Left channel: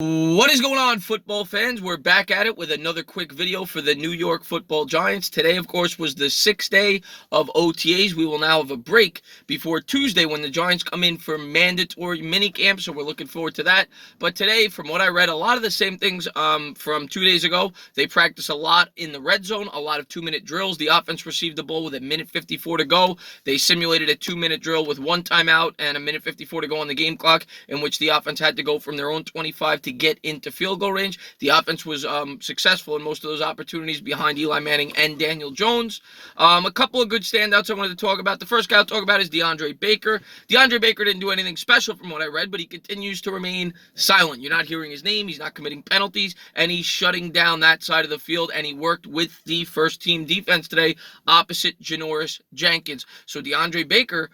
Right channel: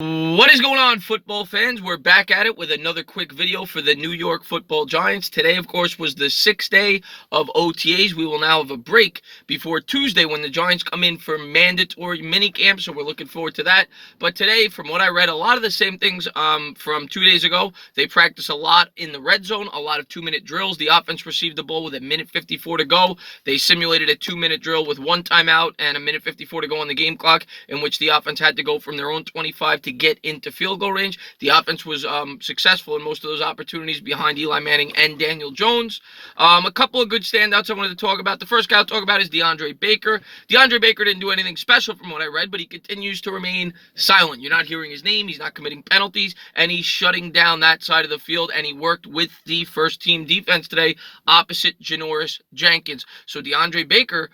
What is going on, football fans? We're back at it with another quick video for the New York Football Giants. Today, of course, was the sixth day of OTAs. We will now have a break before Tuesday when the Giants come in for mandatory minicamp, so we're looking forward to that. But today, from what I read, a lot of the same things from 2 days ago. They practice a lot in the red zone, a lot of 2-minute drills. The offense received the ball with a minute 54 to go. They simulated a 2-minute drill with one timeout and a minute 54 to go on the game clock, in which the offense had to go from their own 25 to get into field goal range. The offense was successful in most of those opportunities behind Eli Manning and Daniel Jones. A couple of good standouts I wanted to talk about. The first guy I'll talk about is DeAndre Baker. DeAndre Baker didn't do anything special from what I read, but he continues to remain silent. You're not hearing his name. He's not committing penalties, and he's shutting down that side of the field, and he worked with the first-team defense today opposite Janoris Jenkins. So DeAndre Baker,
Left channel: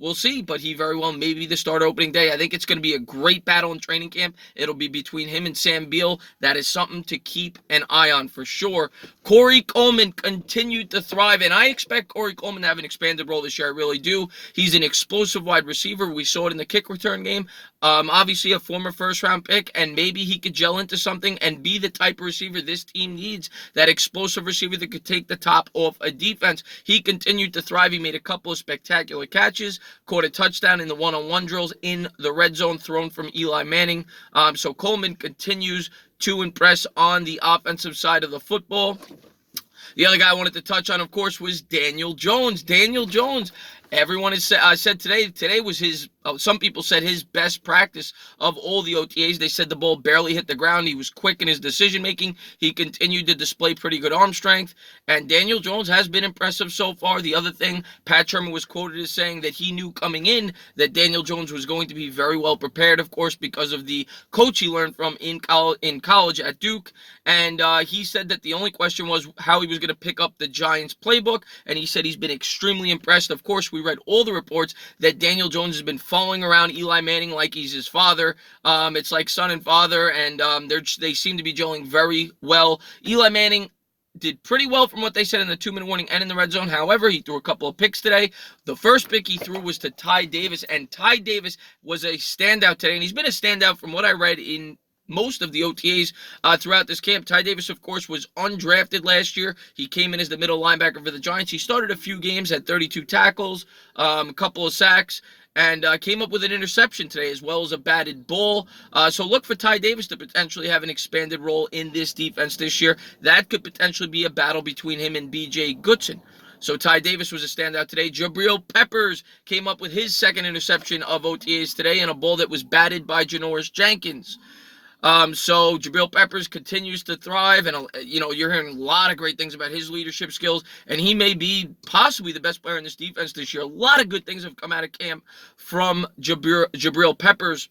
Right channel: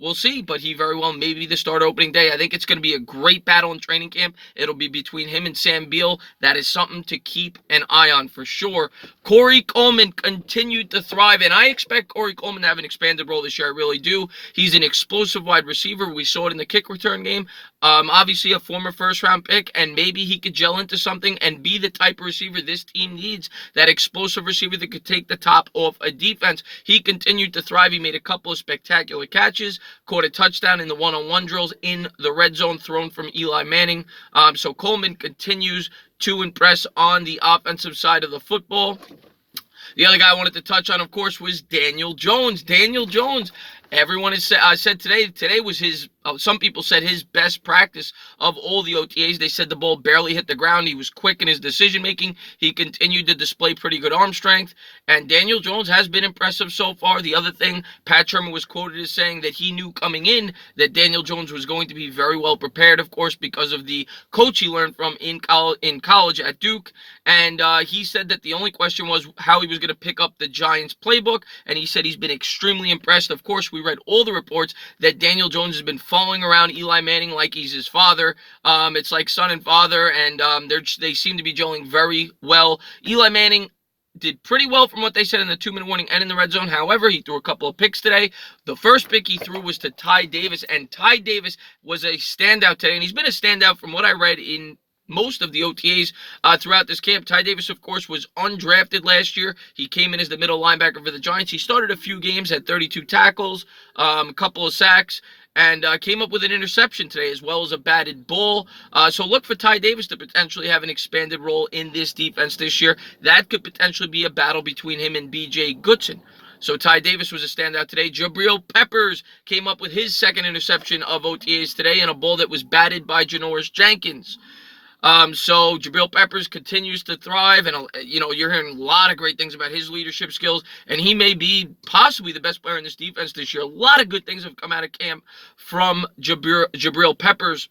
we'll see, but he very well may be the start opening day. I think it's going to be a great battle in training camp. It'll be between him and Sam Beal. That is something to keep an eye on for sure. Corey Coleman continued to thrive, and I expect Corey Coleman to have an expanded role this year. I really do. He's an explosive wide receiver. We saw it in the kick return game. Obviously a former first-round pick, and maybe he could gel into something and be the type of receiver this team needs, that explosive receiver that could take the top off a defense. He continued to thrive. He made a couple of spectacular catches, caught a touchdown in the one-on-one drills in the red zone thrown from Eli Manning. So Coleman continues to impress on the offensive side of the football. The other guy I wanted to touch on, of course, was Daniel Jones. Daniel Jones, everyone has said today was his, some people said his best practice of all the OTAs. They said the ball barely hit the ground. He was quick in his decision-making. He continued to display pretty good arm strength. And Daniel Jones has been impressive so far. The other thing, Pat Shermer was quoted as saying that he knew coming in that Daniel Jones was going to be very well prepared, of course, because of the coach he learned from in college at Duke. And he said that the only question was how he was going to pick up the Giants playbook. And he said he's been extremely impressed. Of course, we read all the reports that Daniel Jones has been following around Eli Manning like he's his father. It's like son and father, and they seem to be gelling very well. Eli Manning did pretty well from what they said in the 2-minute warning and in the red zone. However, he threw a couple of picks today. The first pick he threw was to Ty Davis, and Ty Davis was a standout today, and he's been a standout from what I read in most of the OTAs throughout this camp. Ty Davis, of course, was undrafted last year. He came in as the middle linebacker for the Giants. He started a few games, had 32 tackles, a couple of sacks, and came up with an interception today as well as a batted ball. So look for Ty Davis to potentially have an expanded role in this defense this year. That could potentially be a battle between him and B.J. Goodson. So Ty Davis was a standout today. Jabril Peppers came up with his second interception of OTAs today in a ball that was batted by Janoris Jenkins. So Jabril Peppers continues to thrive, and you're hearing a lot of great things about his leadership skills, and he may be possibly the best player in this defense this year. A lot of good things have come out of camp from Jabril Peppers.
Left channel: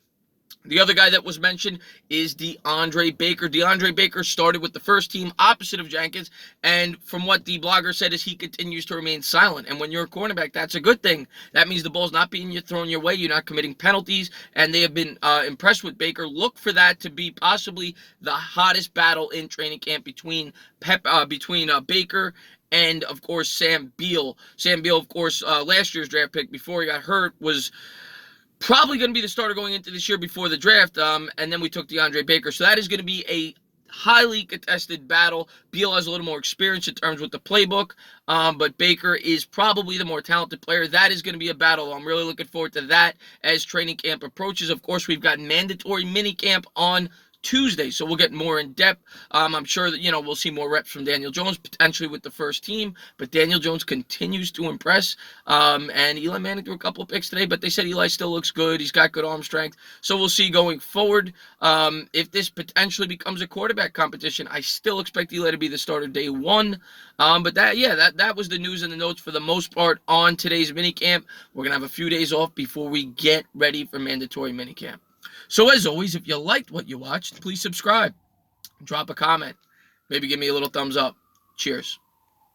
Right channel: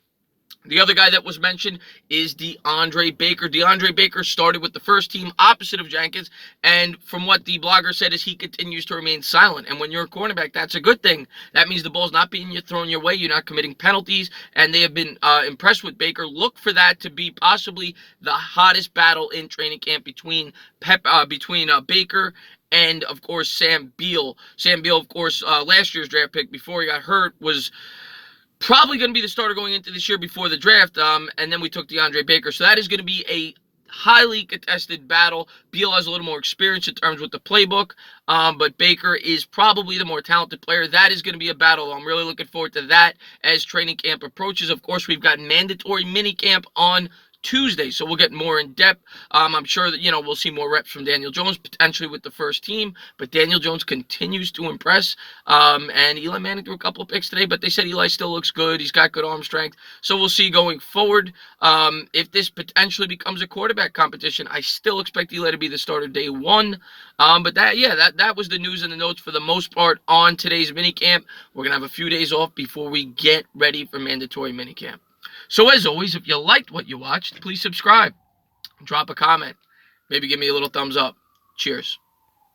The other guy that was mentioned is DeAndre Baker. DeAndre Baker started with the first team opposite of Jenkins, and from what the blogger said is he continues to remain silent. And when you're a cornerback, that's a good thing. That means the ball's not being thrown your way. You're not committing penalties, and they have been impressed with Baker. Look for that to be possibly the hottest battle in training camp between Baker and, of course, Sam Beal. Sam Beal, of course, last year's draft pick before he got hurt, was probably going to be the starter going into this year before the draft, and then we took DeAndre Baker. So that is going to be a highly contested battle. Beal has a little more experience in terms with the playbook, but Baker is probably the more talented player. That is going to be a battle. I'm really looking forward to that as training camp approaches. Of course, we've got mandatory minicamp on Tuesday, so we'll get more in depth. I'm sure that we'll see more reps from Daniel Jones potentially with the first team, but Daniel Jones continues to impress. And Eli Manning threw a couple of picks today, but they said Eli still looks good. He's got good arm strength, so we'll see going forward. If this potentially becomes a quarterback competition, I still expect Eli to be the starter day one. But that was the news and the notes for the most part on today's minicamp. We're gonna have a few days off before we get ready for mandatory minicamp. So as always, if you liked what you watched, please subscribe, drop a comment, maybe give me a little thumbs up. Cheers.